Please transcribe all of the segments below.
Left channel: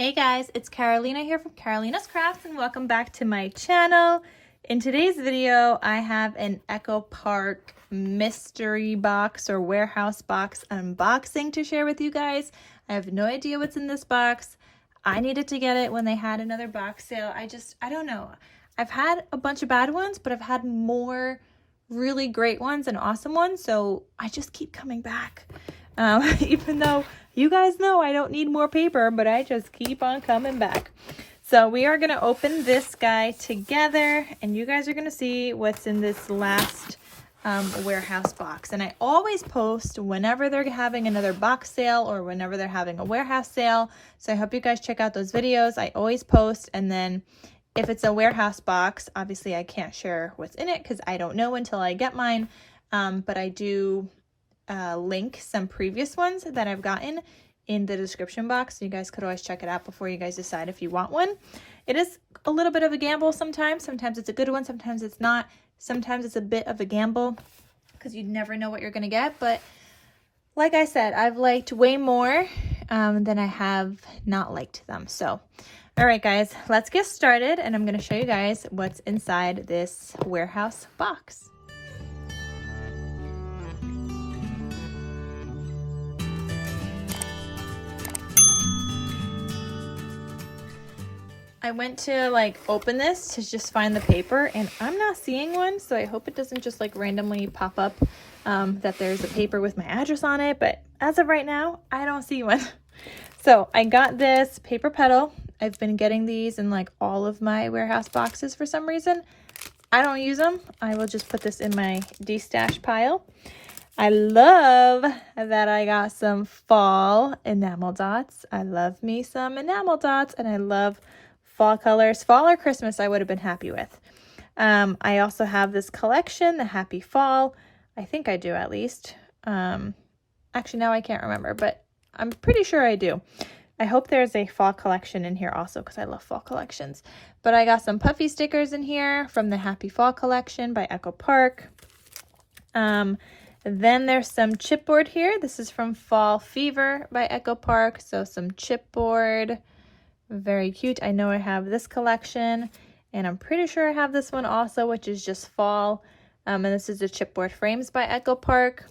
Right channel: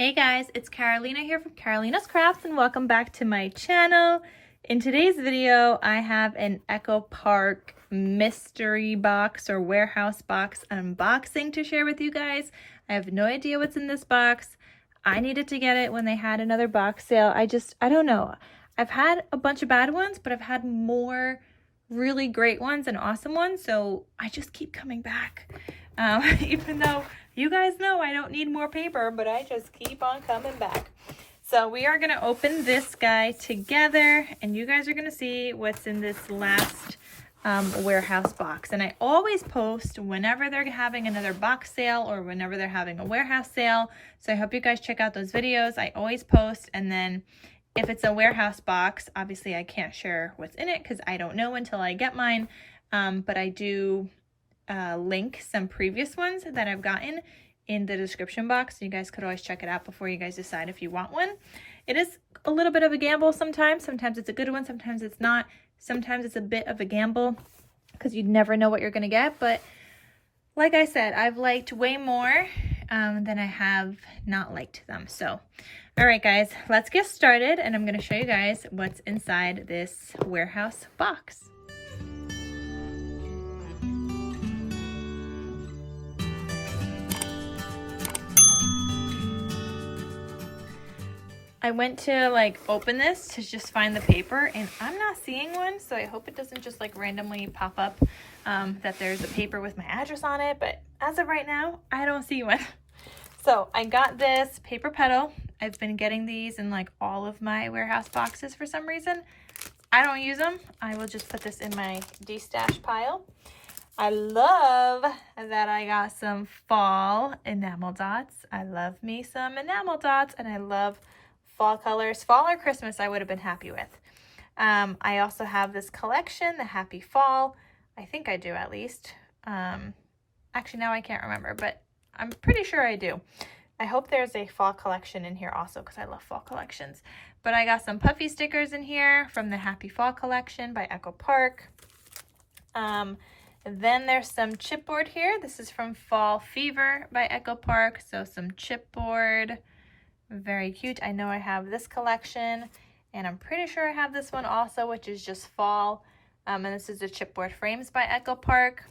Hey guys, it's Carolina here from KarolinasKrafts and welcome back to my channel. In today's video, I have an Echo Park mystery box or warehouse box unboxing to share with you guys. I have no idea what's in this box. I needed to get it when they had another box sale. I don't know. I've had a bunch of bad ones, but I've had more really great ones and awesome ones, so I just keep coming back. Even though you guys know I don't need more paper, but I just keep on coming back. So we are going to open this guy together, and you guys are going to see what's in this last warehouse box. And I always post whenever they're having another box sale or whenever they're having a warehouse sale. So I hope you guys check out those videos. I always post, and then if it's a warehouse box, obviously I can't share what's in it because I don't know until I get mine. But I do link some previous ones that I've gotten in the description box, so you guys could always check it out before you guys decide if you want one. It is a little bit of a gamble sometimes. Sometimes it's a good one, sometimes it's not. Sometimes it's a bit of a gamble because you never know what you're going to get. But like I said, I've liked way more than I have not liked them. So, all right, guys, let's get started, and I'm going to show you guys what's inside this warehouse box. I went to open this to just find the paper, and I'm not seeing one, so I hope it doesn't just randomly pop up that there's a paper with my address on it, but as of right now, I don't see one. So I got this paper petal. I've been getting these in all of my warehouse boxes for some reason. I don't use them. I will just put this in my de-stash pile. I love that I got some fall enamel dots. I love me some enamel dots, and I love fall colors. Fall or Christmas I would have been happy with. I also have this collection, the Happy Fall. I think I do, at least. Actually, now I can't remember, but I'm pretty sure I do. I hope there's a fall collection in here also because I love fall collections. But I got some puffy stickers in here from the Happy Fall collection by Echo Park. Then there's some chipboard here. This is from Fall Fever by Echo Park. So some chipboard. Very cute. I know I have this collection, and I'm pretty sure I have this one also, which is just fall. And this is the chipboard frames by Echo Park.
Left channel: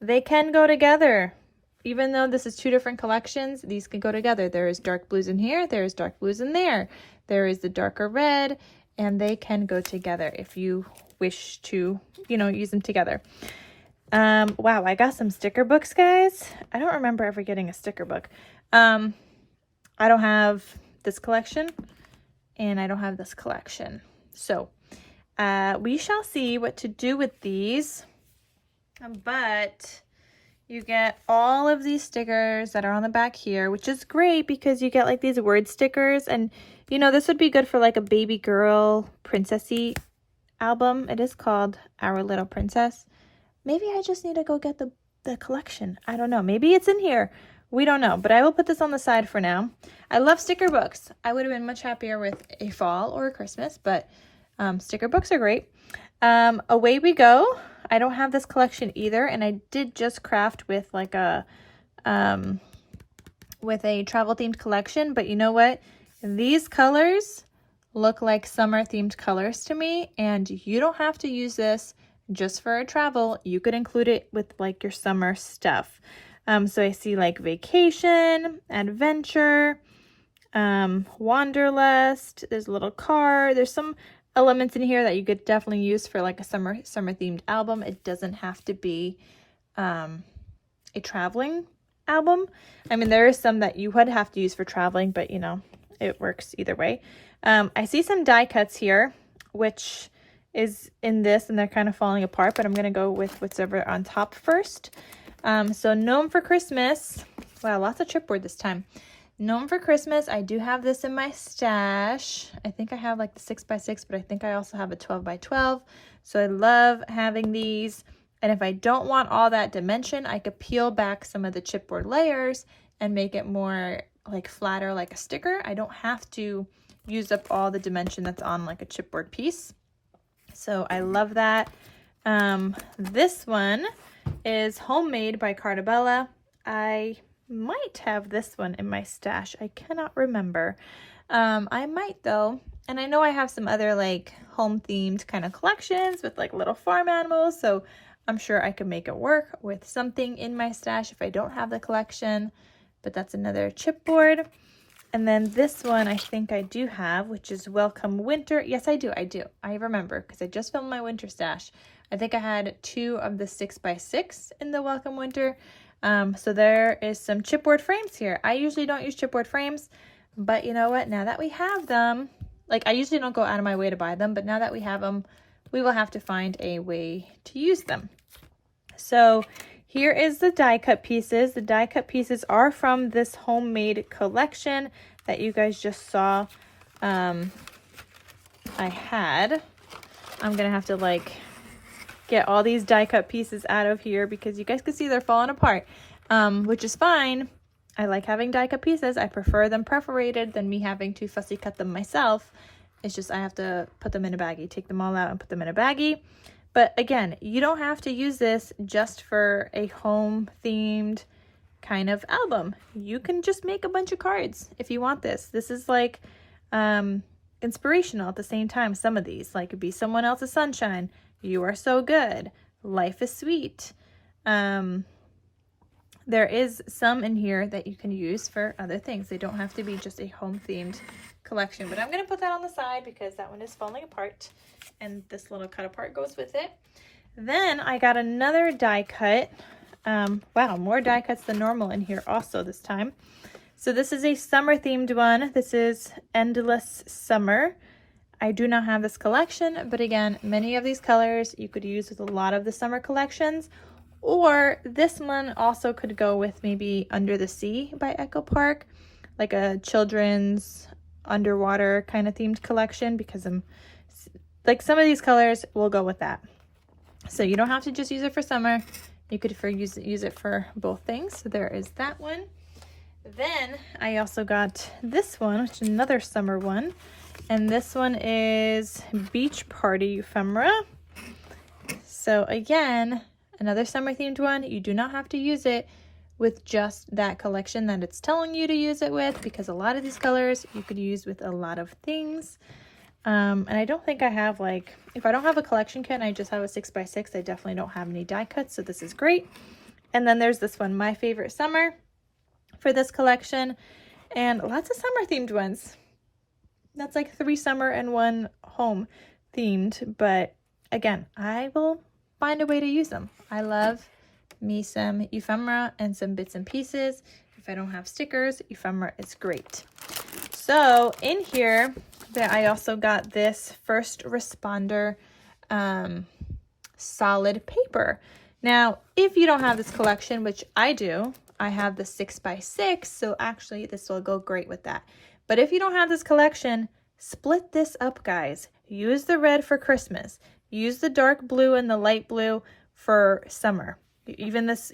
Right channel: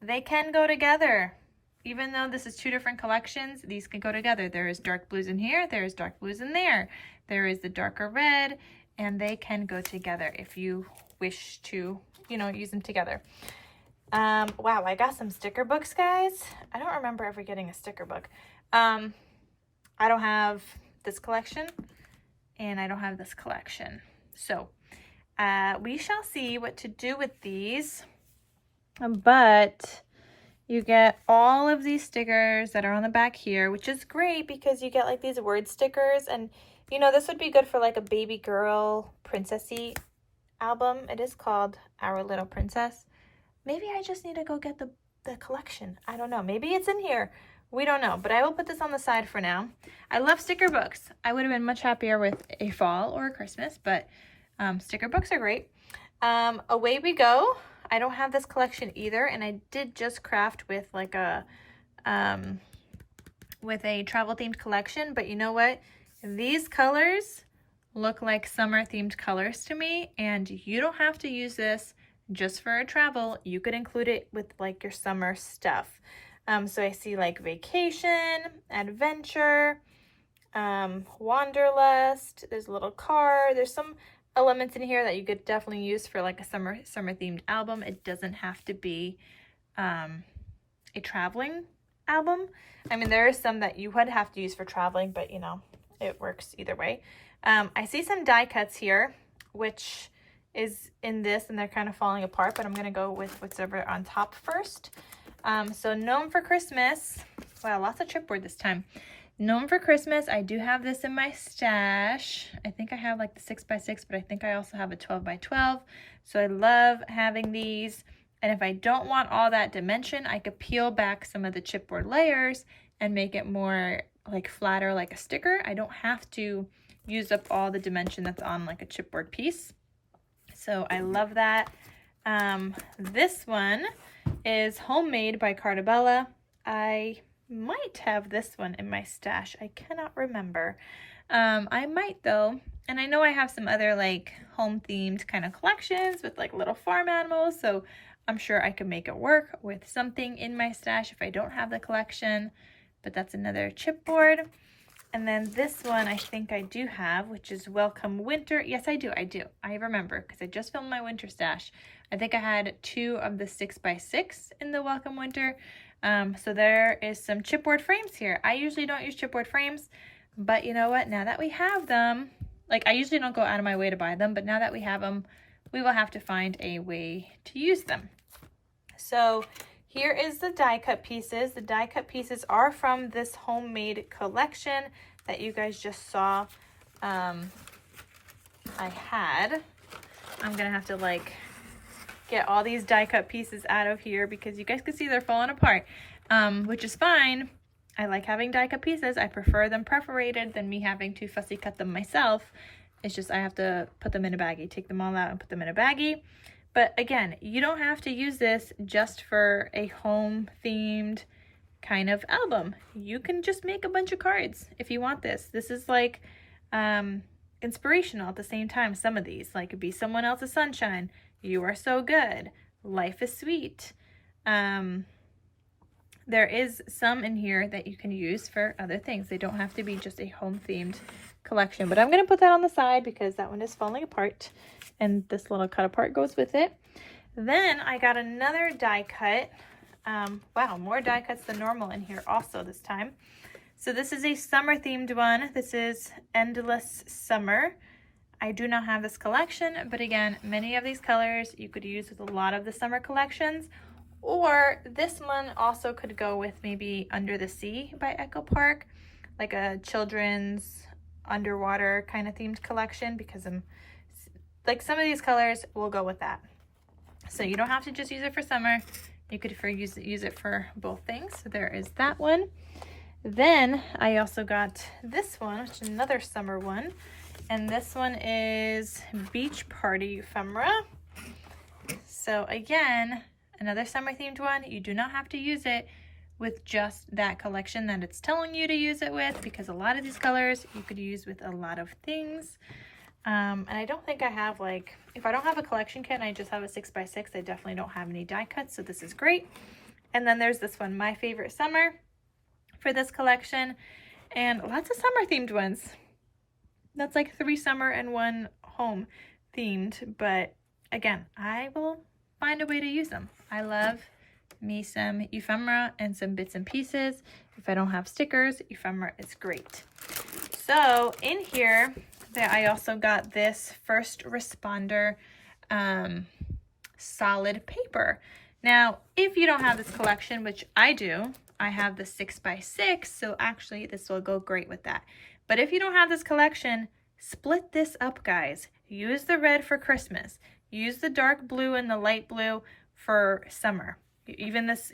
They can go together. Even though this is two different collections, these can go together. There is dark blues in here, there's dark blues in there. There is the darker red, and they can go together if you wish to, use them together. Wow, I got some sticker books, guys. I don't remember ever getting a sticker book. I don't have this collection, and I don't have this collection. So we shall see what to do with these. But you get all of these stickers that are on the back here, which is great because you get these word stickers. And, this would be good for a baby girl princessy album. It is called Our Little Princess. Maybe I just need to go get the collection. I don't know. Maybe it's in here. We don't know, but I will put this on the side for now. I love sticker books. I would have been much happier with a fall or a Christmas, but sticker books are great. Away we go. I don't have this collection either, and I did just craft with a travel themed collection, but you know what? These colors look like summer themed colors to me, and you don't have to use this just for travel. You could include it with your summer stuff. So I see vacation, adventure, wanderlust, there's a little car, there's some elements in here that you could definitely use for a summer themed album. It doesn't have to be a traveling album. I mean, there is some that you would have to use for traveling, but it works either way. I see some die cuts here, which is in this, and they're kind of falling apart, but I'm going to go with what's over on top first. So Gnome for Christmas. Wow, lots of chipboard this time. Gnome for Christmas. I do have this in my stash. I think I have the 6x6, but I think I also have a 12x12. So I love having these. And if I don't want all that dimension, I could peel back some of the chipboard layers and make it more flatter, like a sticker. I don't have to use up all the dimension that's on a chipboard piece. So I love that. This one is Homemade by Cartabella. I might have this one in my stash. I cannot remember. I might though. And I know I have some other like home themed kind of collections with like little farm animals. So I'm sure I could make it work with something in my stash if I don't have the collection. But that's another chipboard. And then this one I think I do have, which is Welcome Winter. Yes, I do. I remember because I just filmed my winter stash. I think I had 2 of the 6x6 in the Welcome Winter. So there is some chipboard frames here. I usually don't use chipboard frames, but you know what? Now that we have them, like I usually don't go out of my way to buy them, but now that we have them, we will have to find a way to use them. So here is the die cut pieces. The die cut pieces are from this homemade collection that you guys just saw. I had. I'm gonna have to like get all these die cut pieces out of here because you guys can see they're falling apart, which is fine. I like having die cut pieces. I prefer them perforated than me having to fussy cut them myself. It's just I have to put them in a baggie, take them all out and put them in a baggie. But again, you don't have to use this just for a home themed kind of album. You can just make a bunch of cards if you want this. This is like inspirational at the same time. Some of these, like it'd be Someone Else's Sunshine, You Are So Good, Life is Sweet. There is some in here that you can use for other things. They don't have to be just a home themed collection, but I'm going to put that on the side because that one is falling apart and this little cut apart goes with it. Then I got another die cut. Wow, more die cuts than normal in here also this time. So this is a summer themed one. This is Endless Summer. I do not have this collection, but again, many of these colors you could use with a lot of the summer collections, or this one also could go with maybe Under the Sea by Echo Park, like a children's underwater kind of themed collection, because I'm like some of these colors will go with that. So you don't have to just use it for summer. You could use it for both things. So there is that one. Then I also got this one, which is another summer one. And this one is Beach Party Ephemera. So again, another summer themed one. You do not have to use it with just that collection that it's telling you to use it with, because a lot of these colors you could use with a lot of things. And I don't think I have, like, if I don't have a collection kit and I just have a 6x6, I definitely don't have any die cuts, so this is great. And then there's this one, My Favorite Summer, for this collection, and lots of summer themed ones. That's like 3 summer and 1 home themed, but again, I will find a way to use them. I love me some ephemera and some bits and pieces. If I don't have stickers, ephemera is great. So in here, I also got this First Responder solid paper. Now, if you don't have this collection, which I do, I have the 6x6, so actually this will go great with that. But if you don't have this collection, split this up, guys. Use the red for Christmas. Use the dark blue and the light blue for summer. Even this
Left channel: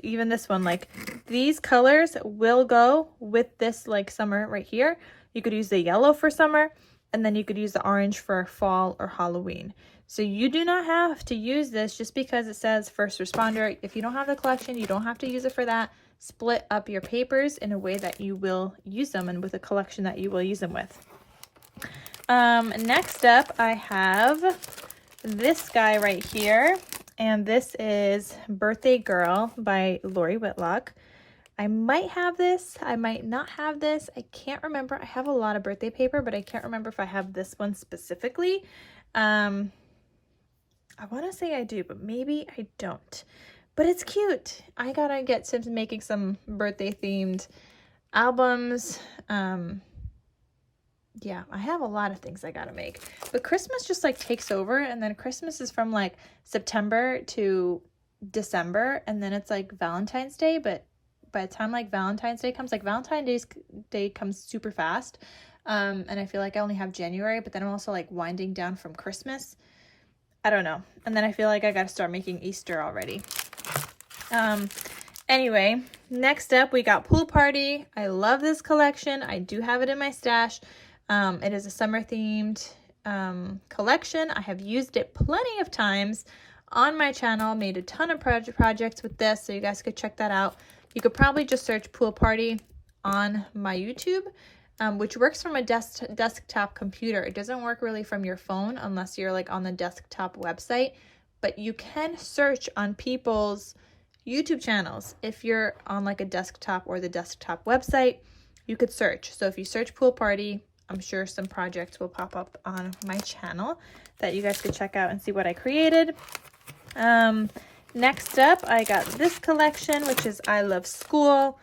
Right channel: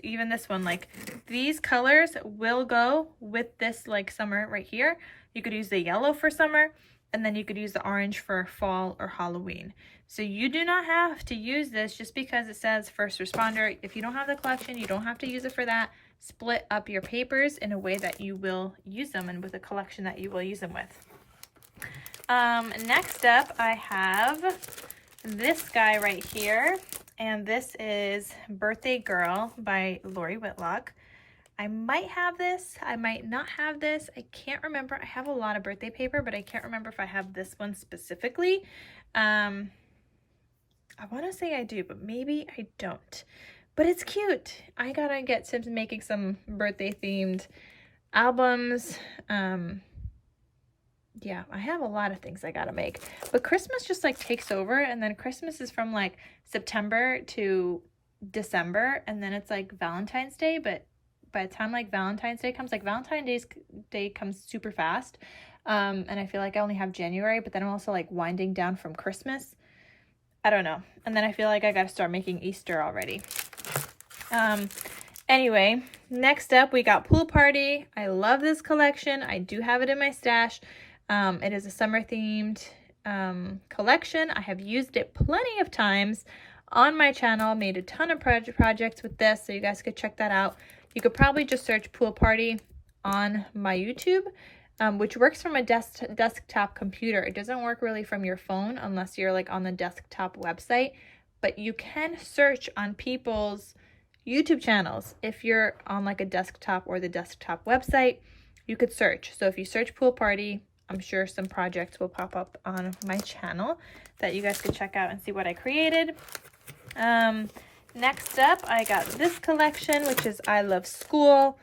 one, like these colors will go with this like summer right here. You could use the yellow for summer, and then you could use the orange for fall or Halloween. So you do not have to use this just because it says First Responder. If you don't have the collection, you don't have to use it for that. Split up your papers in a way that you will use them and with a collection that you will use them with. Next up, I have this guy right here, and this is Birthday Girl by Lori Whitlock. I might have this, I might not have this. I can't remember. I have a lot of birthday paper, but I can't remember if I have this one specifically. I want to say I do, but maybe I don't. But it's cute. I gotta get to making some birthday themed albums. Yeah, I have a lot of things I gotta make. But Christmas just like takes over, and then Christmas is from like September to December, and then it's like Valentine's Day, but by the time like Valentine's Day comes, like Valentine's Day comes super fast. And I feel like I only have January, but then I'm also like winding down from Christmas. I don't know. And then I feel like I gotta start making Easter already. Anyway, next up we got Pool Party. I love this collection. I do have it in my stash. It is a summer themed collection. I have used it plenty of times on my channel, made a ton of projects with this, so you guys could check that out. You could probably just search pool party on my YouTube, which works from a desktop computer. It doesn't work really from your phone unless you're like on the desktop website, but you can search on people's YouTube channels. If you're on like a desktop or the desktop website, you could search. So if you search pool party, I'm sure some projects will pop up on my channel that you guys could check out and see what I created. Next up, I got this collection, which is I Love School.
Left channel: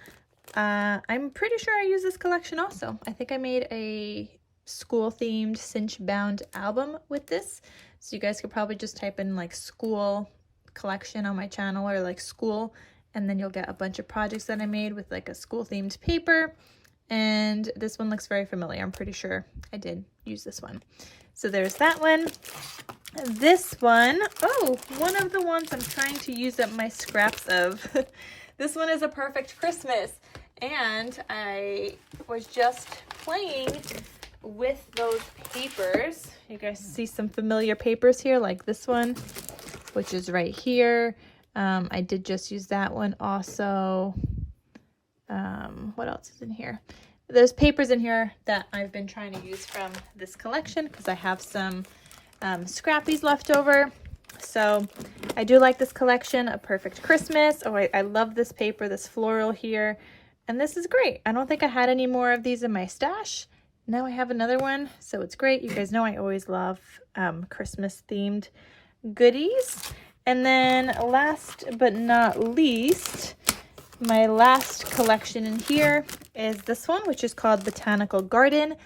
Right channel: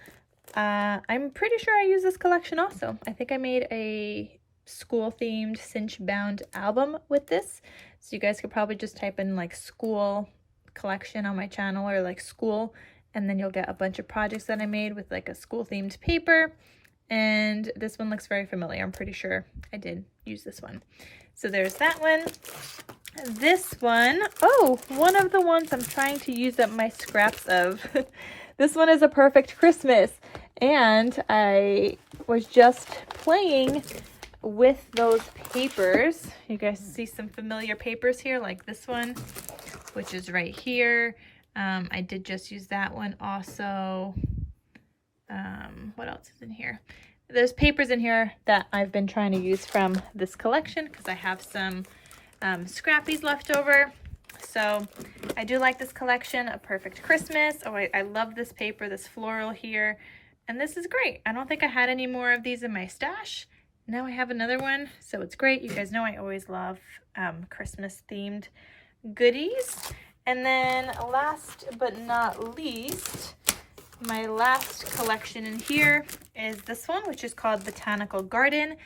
I'm pretty sure I use this collection also. I think I made a school-themed cinch-bound album with this. So you guys could probably just type in like school collection on my channel or like school, and then you'll get a bunch of projects that I made with like a school-themed paper. And this one looks very familiar. I'm pretty sure I did use this one. So there's that one. This one, oh, one of the ones I'm trying to use up my scraps of. This one is a Perfect Christmas. And I was just playing with those papers. You guys see some familiar papers here, like this one, which is right here. I did just use that one also. What else is in here? There's papers in here that I've been trying to use from this collection because I have some scrappies left over. So I do like this collection, A Perfect Christmas. Oh, I love this paper, this floral here. And this is great. I don't think I had any more of these in my stash. Now I have another one, so it's great. You guys know I always love Christmas themed goodies. And then last but not least, my last collection in here is this one, which is called Botanical Garden.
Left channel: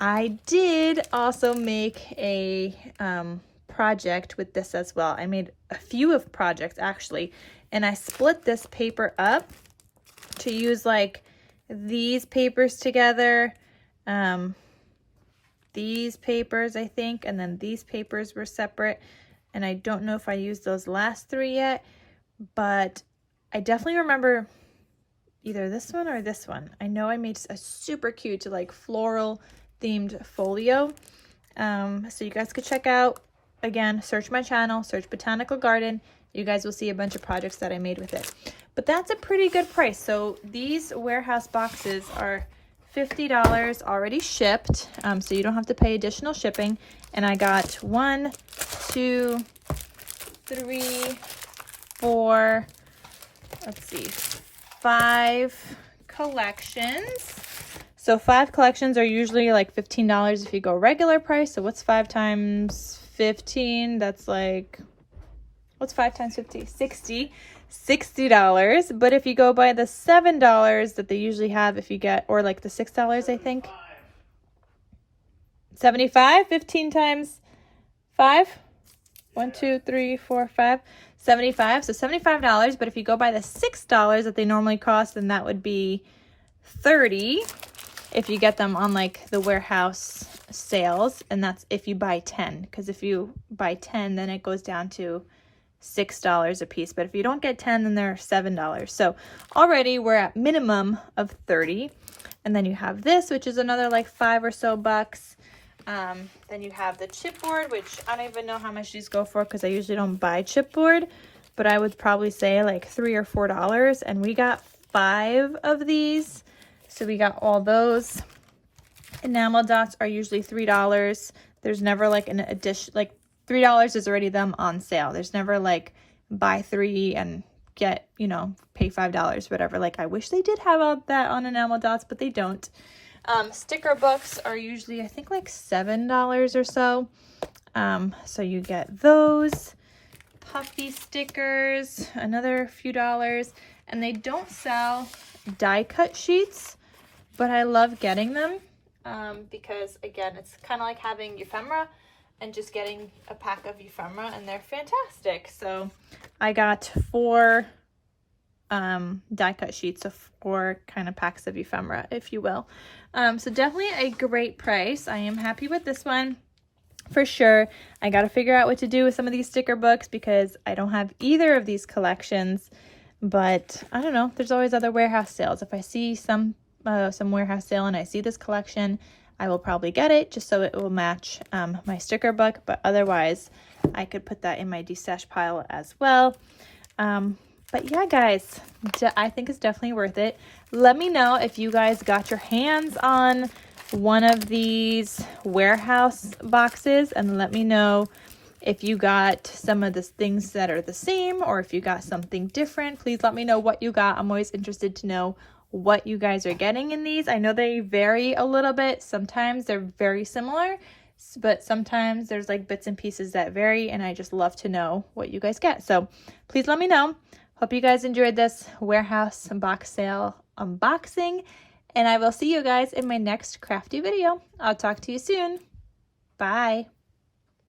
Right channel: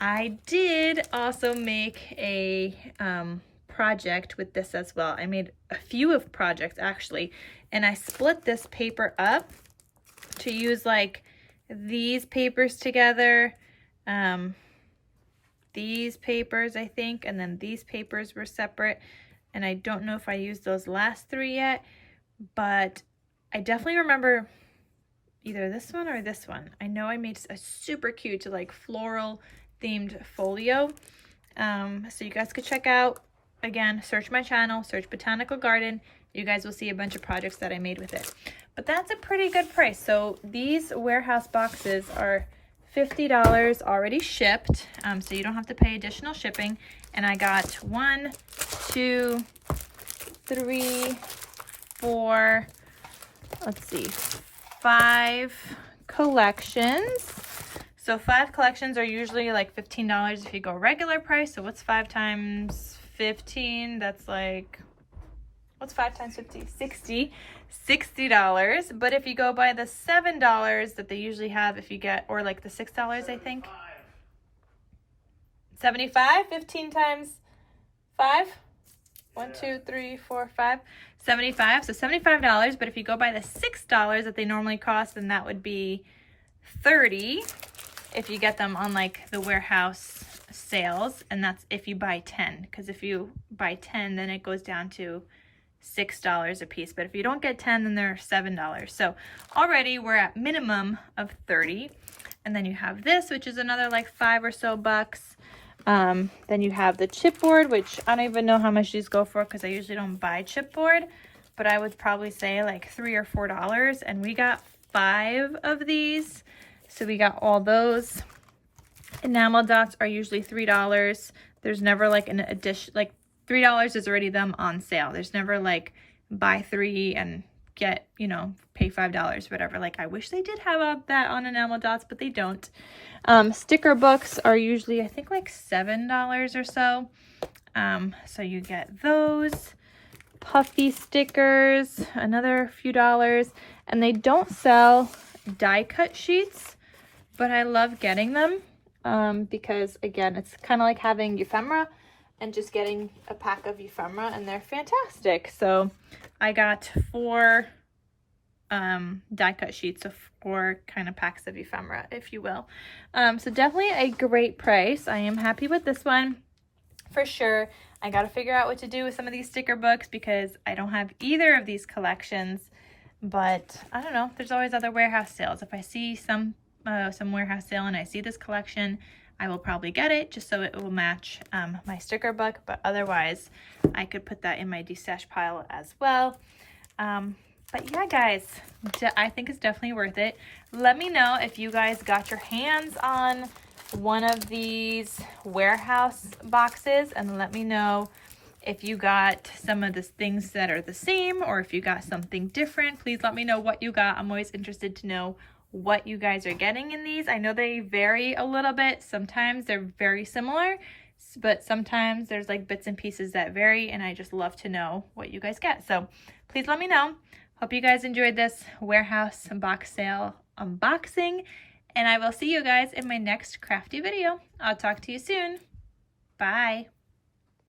I did also make a project with this as well. I made a few of projects actually, and I split this paper up to use like these papers together, these papers I think, and then these papers were separate. And I don't know if I used those last three yet, but I definitely remember either this one or this one. I know I made a super cute like floral themed folio. So you guys could check out, again, search my channel, search Botanical Garden. You guys will see a bunch of projects that I made with it. But that's a pretty good price. So these warehouse boxes are $50 already shipped. So you don't have to pay additional shipping. And I got 1, 2, 3, 4, let's see, 5 collections. So 5 collections are usually like $15 if you go regular price. So what's 5 times 15? That's like, what's 5 times 50? $60. But if you go by the $7 that they usually have, if you get, or like the $6, I think. 75, 15 times 5. 1, 2, 3, 4, 5. 75. So $75. But if you go by the $6 that they normally cost, then that would be $30 if you get them on like the warehouse sales. And that's if you buy 10. Because if you buy 10, then it goes down to $6 a piece. But if you don't get 10, then they're $7. So already we're at minimum of $30. And then you have this, which is another like $5 or so bucks. Then you have the chipboard, which I don't even know how much these go for because I usually don't buy chipboard, but I would probably say like $3 or $4. And we got 5 of these. So we got all those. Enamel dots are usually $3. There's never like an addition, like $3 is already them on sale. There's never like buy 3 and get, you know, pay $5, whatever. Like I wish they did have that on enamel dots, but they don't. Sticker books are usually, I think, like $7 or so. So you get those. Puffy stickers, another few dollars. And they don't sell die cut sheets, but I love getting them because, again, it's kind of like having ephemera and just getting a pack of ephemera, and they're fantastic. So I got 4 die cut sheets of 4 kind of packs of ephemera, if you will. So definitely a great price. I am happy with this one for sure. I got to figure out what to do with some of these sticker books because I don't have either of these collections, but I don't know. There's always other warehouse sales. If I see some warehouse sale and I see this collection, I will probably get it just so it will match my sticker book, but otherwise I could put that in my destash pile as well. But yeah, guys, I think it's definitely worth it. Let me know if you guys got your hands on one of these warehouse boxes, and let me know if you got some of the things that are the same or if you got something different. Please let me know what you got. I'm always interested to know what you guys are getting in these. I know they vary a little bit. Sometimes they're very similar, but sometimes there's like bits and pieces that vary, and I just love to know what you guys get. So please let me know. Hope you guys enjoyed this warehouse box sale unboxing, and I will see you guys in my next crafty video. I'll talk to you soon. Bye.